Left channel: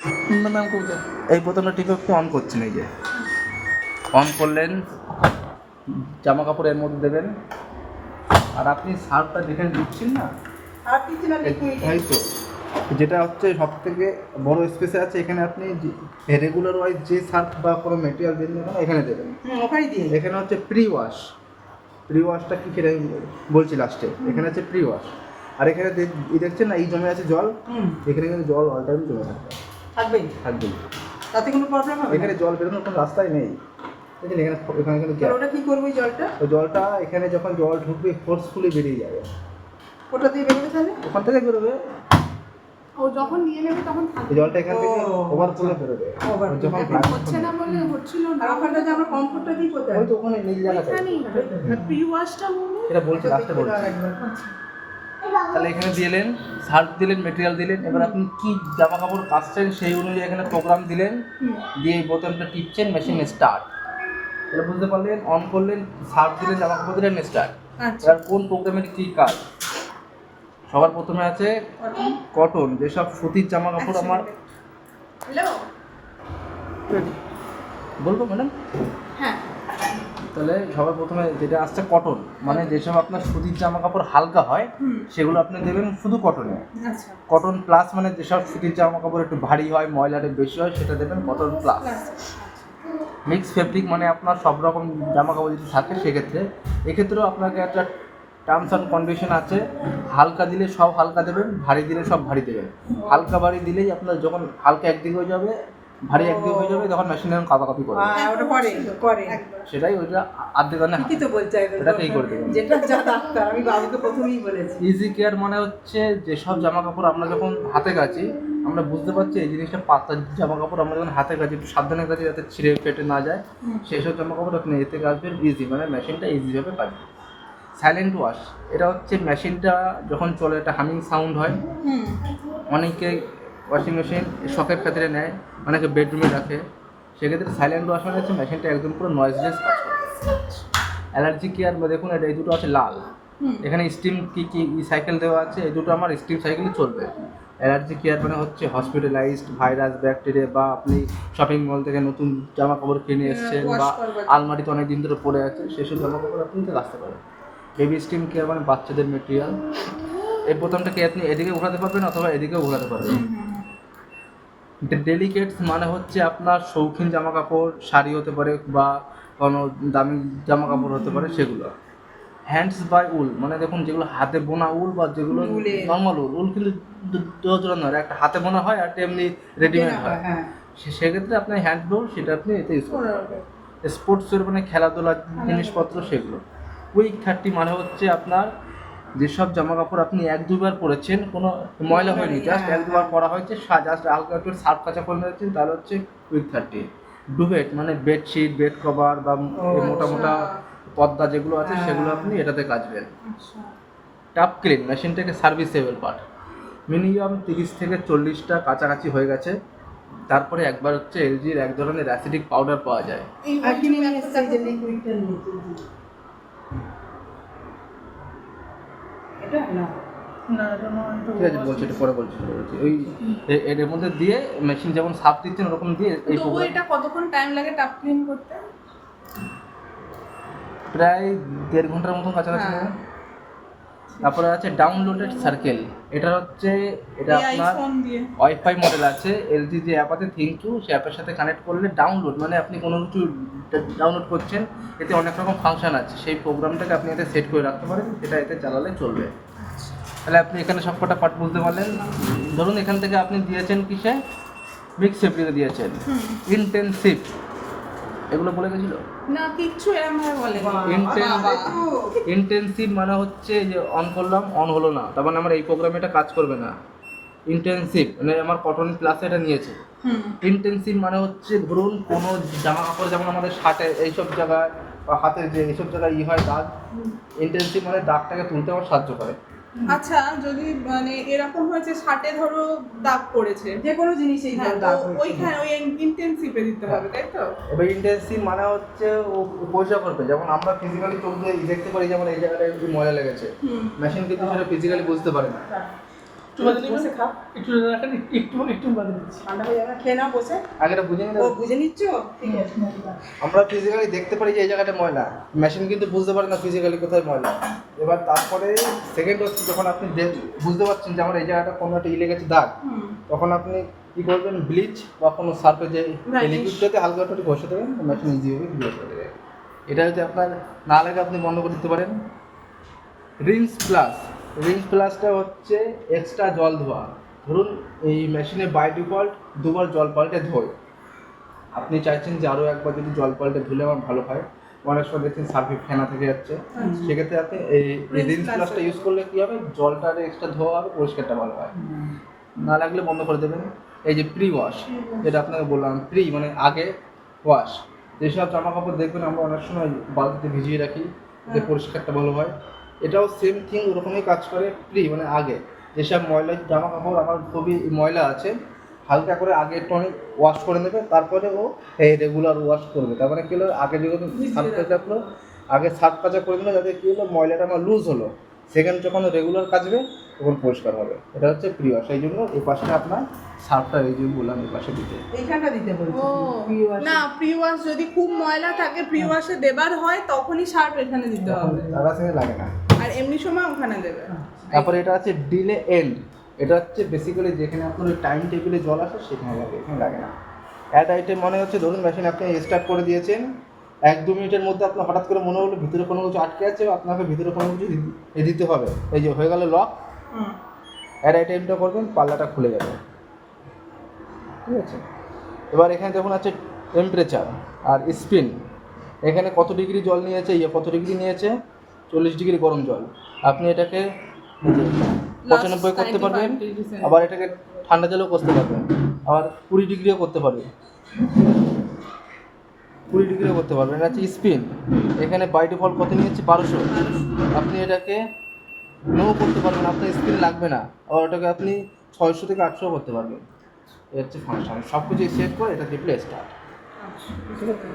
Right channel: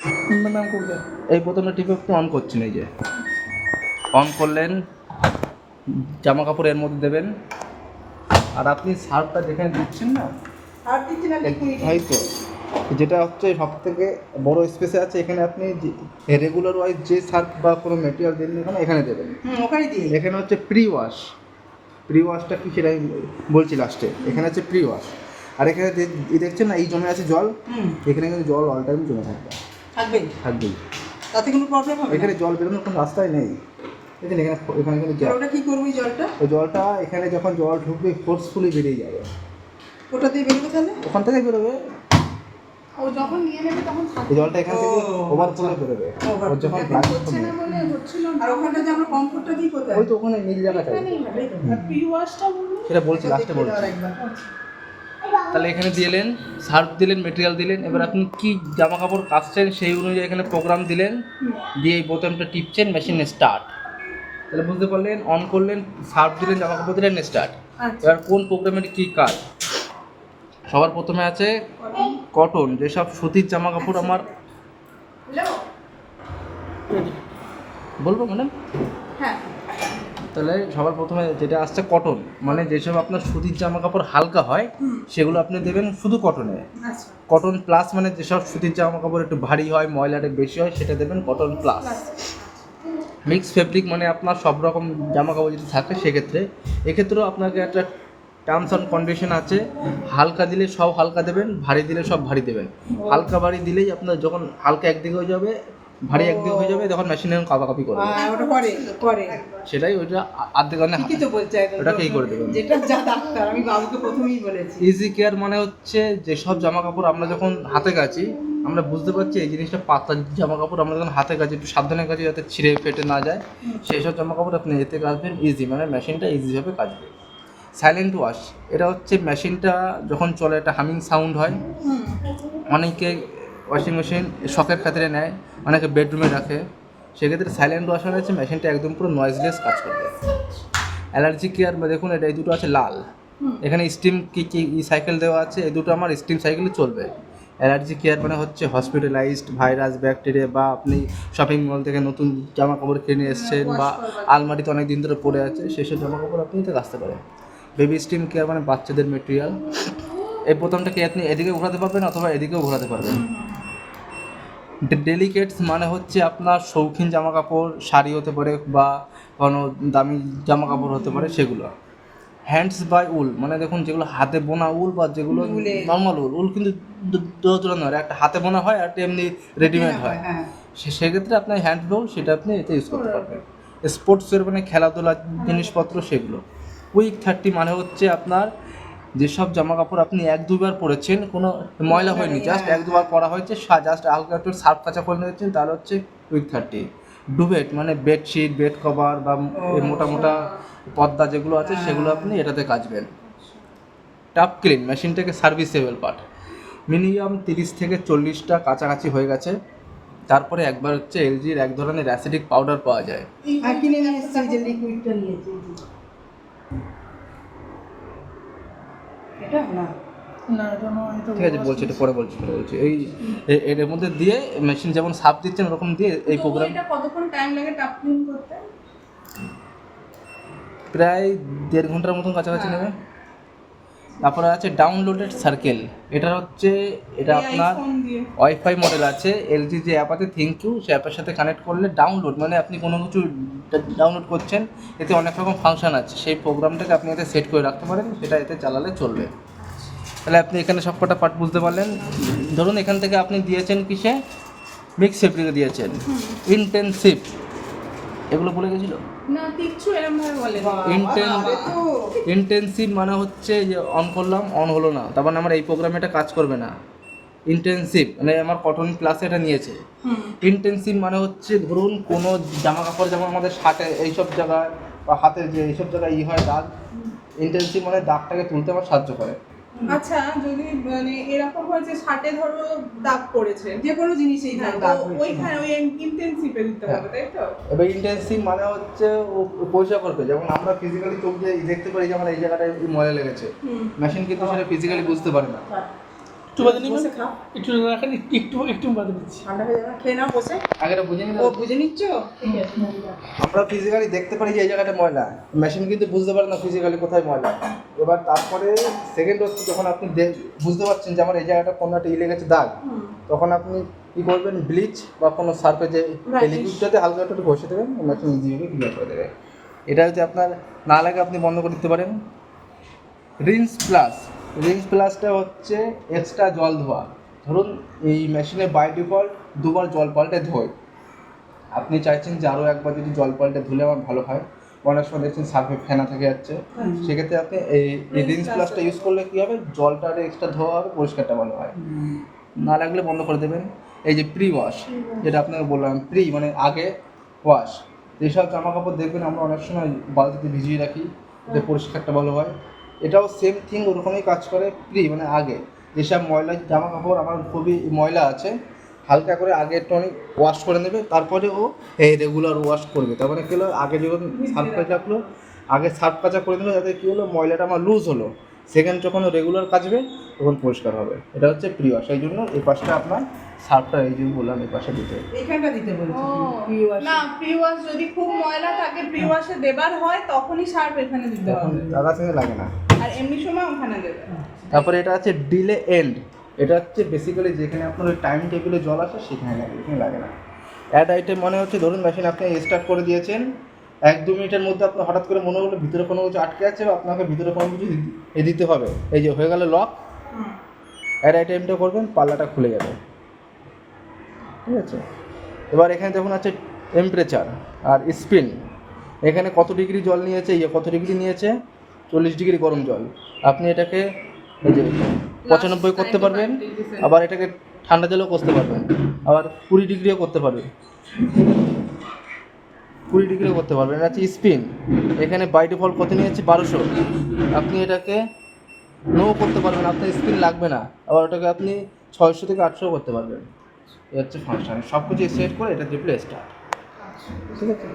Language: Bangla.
ম্যাম কোথায়? এই বোতামটা টিপে একটু অন করছেন, এই যে অন করলেন, জামা কাপড় এর মধ্যে দেবেন। আর আপনি সার্ফটা যেখানে দিচ্ছেন না, আর দিচ্ছি না লিকুইড। এই তো যেটা হচ্ছে সব থেকে বড় স্পেসে আছে, এখানে আপনি রেগুলার ওয়াইজ যে সার্ফ বা কোনো মেটেরিয়াল দিন না কেন এখানে দেবেন। ওখানে দিয়ে। এখানে হচ্ছে প্রি ওয়াশ। প্রি ওয়াশটা কি সেটা আমি বলছি লাস্টে। এখানে আছে প্রি ওয়াশ, আর এখানে দেখছেন না এই জমে আছে জল, এখানে কিন্তু জল অল টাইম জমে থাকবে, থাকবেই। থাকবেই। তাতে কোনো প্রবলেম হবে না? এখানে জল বেরোনোর কোনো রাস্তাই নেই। দেখেন এখানে এখানে কিন্তু আর ওটা কি করবো ওই জলটা? ওই জলটা এখানে যখন জল ঢুকবে ফোর্সফুলি বেরিয়ে যাবে। ওটা দিয়ে বেরোবে তাহলে? ওখান থেকে বেরোবে, ও যখন নিয়ে নেবে তখন এই জলটা এখান থেকে ওভারফ্লো বেরোবে। Overflow। আর যখন হচ্ছে না বলে হচ্ছিল না। আর ওখানটা যে আমরা কমফোর্টটা দিই কোথায়? ওই তো ওখানে নীল জায়গাটা, এখানেই না। প্রি ওয়াশটা বলুন। সেটা বলছি লাস্টে বলছি। তাহলে এখানে দিলেন, সার্ফ দিলেন, মেটেরিয়াল দিলেন, এবার আপনি কি জামা কাপড় কাচছেন সেই অনুযায়ী এখানে প্রোগ্রাম দিলেন, দিয়ে এই বোতামটা টিপছেন, মেশিন স্টার্ট। তাহলে বুঝতে পারলেন, অন করলেন, সার্ফ দিলেন, জামা কাপড় দিলেন, স্টার্ট। আচ্ছা। এবার কোন প্রোগ্রামের কী কাজ? সবার প্রথমে আছে কটন, যেসব সুতির জামা কাপড় আমার হ্যালো। বলবো ম্যাডাম। হ্যাঁ। তাহলে সবার প্রথমে যেটা আসছে কটন, মানে যেসব আপনার সুতির জামা কাপড় হালকা হয় সেগুলো আপনি দেবেন শুধু কটনে। আচ্ছা। কটন প্লাস মানে যেসব সুতির জামা কাপড় একটু ভারী হয়, ময়লাটা বেশি হয়, সেটা দেবেন কটন প্লাস। মিক্স ফেব্রিক মানে আপনার সব রকম জামা কাপড় যদি থাকে সেক্ষেত্রে, এক্ষেত্রেও আপনাকে একটা টার্মস অ্যান্ড কন্ডিশন আছে। হালকা দিলে সব হালকা দেবেন, ভারী দিলে সব ভারী দেবেন। হালকা ভারী দিলেই আপনার যখন হালকা একদিকে হয়ে যাবে, ভারী একদিকে হয়ে যাবে, তখন মেশিনে কাপাকাপি করবে। ওটা পরে পরে সেটাই ওইটা আধেকানে ঠিকই তো বলছে ওটাকেই করে দেবেন। যেটা যা ডাক্তার আমি বাবুকে প্রথমেই বলেছি। ইজি কেয়ার মানে হচ্ছে যেসব জামা কাপড় আমরা যখন হাতে কাচি, আমরা বুঝতে পারছি এই জিনিসটা পাতলা জামা কাপড়, আমরা যখন হাতে কাচি একটু সাবধানে কাচি যাতে ছিঁড়ে ফেটে না যায়, সেই সব জামা কাপড় আপনি এতে কাচবেন ইজি, মানে মেশিনটা ইজিভাবে কাচবে। সাইলেন্ট ওয়াশ, এটা হচ্ছে মেশিনটা যখন চলে একটা হামিং সাউন্ড হয়। অনেকে ওয়াশিং মেশিন শখের ক্ষেত্রে নেয়, অনেকে বেডরুমে রাখে, সেক্ষেত্রে সাইলেন্ট ওয়াশ মানে হচ্ছে মেশিনটা একদম পুরো নয়েজলেস কাজ করবে। অ্যালার্জি কেয়ার বা দেখুন এটা এই দুটো আছে লাল, এখানে স্টিম কি সাইকেল দেওয়া আছে, এই দুটো আমার স্টিম সাইকেলই চলবে। অ্যালার্জি কেয়ার মানে হচ্ছে হসপিটালাইজড ভাইরাস ব্যাকটেরিয়া, বা আপনি শপিং মল থেকে নতুন জামা কাপড় কিনে এসেছেন বা আলমারিতে অনেক দিন ধরে পড়ে আছে, সেসব জামা কাপড় আপনি নিতে আসতে পারেন। বেবি স্টিম কেয়ার মানে বাচ্চাদের মেটেরিয়াল। এই বোতামটাকে আপনি এদিকে ঘোরাতে পারবেন অথবা এদিকেও ঘোরাতে পারবেন। ডেলিকেটস মানে হচ্ছে আপনার শৌখিন জামা কাপড়, শাড়ি হতে পারে বা কোনো দামি জামা কাপড় হতে পারে সেগুলো। হ্যান্ডস বাই উল মানে দেখুন যেগুলো হাতে বোনা উল বা যেগুলো নর্মাল উল কিন্তু দুটো নয়, একটা হাতে বোনা হয় আর একটা এমনি রেডিমেড হয়। সেক্ষেত্রে আপনার হ্যান্ড বোল সেটা আপনি এতে ইউজ করতে পারবেন। স্পোর্টসের মানে খেলাধুলার জিনিসপত্র সেগুলো। উইক 30 মানে হচ্ছে আপনার যেসব জামা কাপড় আপনি এক দুবার পরেছেন, কোনো ময়লা হয়নি, জাস্ট এক দুবার পরা হয়েছে, জাস্ট হালকা একটু সার্ফ কাচা করে নিয়েছেন, তাহলে হচ্ছে উইক 30। ডুবেট মানে বেডশিট, বেড কভার বা মোটা মোটা পর্দা যেগুলো আছে সেগুলো আপনি এটাতে কাচবেন। টাপ ক্লিন মেশিনটাকে সার্ভিসেবল পার্ট, মিনিমাম 30 থেকে 40টা কাছাকাছি হয়ে গেছে, তারপরে একবার হচ্ছে এলজির এক ধরনের অ্যাসিডিক পাউডার পাওয়া যায়। কিনে নিয়ে এসেছি যে লিকুইডটা নিয়েছি। এটা না না এটা নয়, এটা ঠিক আছে বলছি, এটা পরে বলছি। এই এর মধ্যে দিয়ে মেশিন যেমন সাপ দিচ্ছেন ওরকম দিয়ে এই তবু প্রোগ্রাম এটা কতক্ষণ টাইম লাগে টাপ ক্লিন করতে? প্রায় 1.5 ঘন্টার মতন কাছাকাছি হ্যাঁ। নেবে। তারপরে আছে ডাউনলোডেড সার্কেল, এটা হচ্ছে এটা এই আপনার আইফোন দিয়ে ওয়াইফাই মডেল আছে, এলজি যে অ্যাপ আছে থিঙ্কিউ, সে অ্যাপের সাথে কানেক্ট করলে ডাউনলোড মানে আপনি কোনো কিছু ডাউনলোড করছেন, এতে অনেক রকম ফাংশন আছে, সেই প্রোগ্রামটাকে আপনি এতে সেট করে রাখতে পারেন, সেটা এতে চালালে চলবে। তাহলে আপনি এখানে সবকটা পার্ট বুঝতে পারলেন। ধরুন এখান থেকে আপনি দিয়েছেন কিসে, মিক্স ফেব্রিকে দিয়েছেন, ইন্টেনসিভ, এগুলো বলে গেছিলো। না কিচ্ছু এরকম ভাবে বলে ইন্টেনসিভ মানে হচ্ছে যে অন করলাম অন হলো না, তার মানে আমার এই প্রোগ্রামে এটা কাজ করবে না। ইন্টেনসিভ মানে আমার কটন প্লাসে এটা নিয়েছে। ইন্টেনসিভ মানে হচ্ছে ধরুন কোনো জামা কাপড় যেমন আমাদের শার্টে এইসব জায়গায় বা হাতের যে এইসব জায়গায় হয় দাগ, ইন্টেনসিভ মানে দাগটাকে তুলতে আমার সাহায্য করে। আচ্ছা যদি মানে এরকম হয়েছে শার্টে ধরো দাগ পড়েছে, যে কোনো জিনিসেই হ্যাঁ, দাগ তো হয়েছে। ওইখানে ওই ইন্টেনসিভে দিতে হবে তাই তো? এবার ইন্টেনসিভ মানে হচ্ছে ও পরিষ্কার করবে, যেমন আমরা ফিজিক্যালি চোখ দিয়ে দেখতে পারি যে আমার এই জায়গাটায় একটু ময়লা লেগেছে, মেশিন কিন্তু সেটা ফিজিক্যালি বুঝতে পারে না। একটু বাদে নেবেন, বসে খাও, একটু রাখেন, একটু বাদে দিচ্ছি। ঠান্ডা হয়ে যাবে, খেয়ে নাও বসে। আগেটা বুঝে নিলে ও বুঝে নিচ্ছ, ঠিক আছে। আমরা ফিজিক্যালি দেখতে পারি যে এই জায়গাটা ময়লা, মেশিন কিন্তু বুঝতে পারে না ফিজিক্যালি কোথায় ময়লা। এবার তারপরে সেকেন্ড হচ্ছে যখন আপনি বুঝতে পারছেন যে আমার এই জায়গাটা কোনো একটা লেগেছে দাগ, তখন আপনি কী করবেন, ব্লিচ বা কোনো সার্ফে যে লিকুইডটাতে হালকা একটু ঘষে দেবেন, মেশিন ইজিভাবে ক্লিয়ার করে দেবে। এটা যদি আপনার না লাগে আপনি বন্ধ করে দিতে পারেন। রিন্স প্লাস, রিন্স প্লাসটা হচ্ছে এক্সট্রা জল ধোয়া। ধরুন এই মেশিনে বাই ডিফল্ট দুবার জল পাল্টে ধোয়, আপনি চাইছেন যে আরও একবার যদি জল পাল্টে ধুলে আমার ভালো হয়, অনেক সময় দেখছেন সার্ফে ফেনা থেকে যাচ্ছে, সেক্ষেত্রে আপনি এই রিন্স প্লাসটা ইউজ করলে কী হবে, জলটা এক্সট্রা ধোয়া হবে, পরিষ্কারটা ভালো হয়। না লাগলে বন্ধ করে দেবেন। এই যে প্রি ওয়াশ, যেটা আপনাকে বললাম, প্রি মানে আগে ওয়াশ, যেসব জামা কাপড় দেখবেন আমরা অনেক সময় বালতিতে ভিজিয়ে রাখি যে পরিষ্কারটা ভালো হয়, এটাও সেম থিং ওরকমই কাজ করে। প্রি মানে আগে, যেসব ময়লা জামা কাপড় আমার খুবই ময়লা আছে, হালকা করে আগে টনিক ওয়াশ করে নেবে, তারপরে ও এই রেগুলার ওয়াশ করবে। তার মানে কী হলো, আগে যখন সার্ফ কাচালো, আগে সার্ফ কাচা করে দিল, যাতে কী হলো ময়লাটা আমার লুজ হলো, সেকেন্ড যখন রেগুলার কাচবে তখন পরিষ্কার হবে। এটা হচ্ছে প্রি ওয়াশ। এই জন্য এই পাশটা আপনার সার্ফটা এই যে বললাম এই পাশে দিতে। এইখানটা দিতে বলছি, ও pre-wash। না, প্রি ওয়াশ যদি খুব ময়লা থাকে, প্রি ওয়াশে দেবার হয় তখনই সার্ফ এখানে দিতে তখন হবে, দাদা থেকে লাগে না। আর এমনি সময় ওখানে দেবে। তারপরে এটা আছে ডিলে এন্ড, এটা হচ্ছে বেসিক্যালি যেখানে আপনার ওই টাইম টেবিলে জল আসে সেখানে লাগে, এখানে লাগে না। অ্যাড আইটেম মানে হচ্ছে ধরুন মেশিন আপনি স্টার্ট করে দিয়েছেন, 1-2 মিনিটের মধ্যে আপনার হঠাৎ করে মনে হলো ভিতরে কোনো কিছু আটকে আছে, আপনাকে ভিতরে কোনো কিছু দিতে হবে, এই যে হয়ে গেল লক, অ্যাড আইটেমটা করবেন, পাল্লাটা খুলে যাবে, ঠিক আছে। এবার এখানে দেখুন আছে টেম্পারেচার আর স্পিন, এখানে কত ডিগ্রি জল নিয়েছে, কত ডিগ্রি নিয়েছে, 40 ডিগ্রি গরম জল। আপনি এটাকে এই যে 95 করতে পারবেন, আবার এটাকে ঠান্ডা জলেও করতে পারবেন, আবার 20 ডিগ্রিও করতে পারবেন, 20 ডিগ্রিও করতে পারবেন। এটা হচ্ছে স্পিন, এখানে বাই ডিফল্ট কত নিয়েছে 1200, আপনি এটাকে নো করতে পারবেন, আপনার স্পিন লাগবে না, আবার ওটাকে আপনি 600 থেকে 800 করতে পারবেন। এ হচ্ছে ফাংশন, সব কিছু সেট করে এটা রিপ্লেসটা, ঠিক আছে।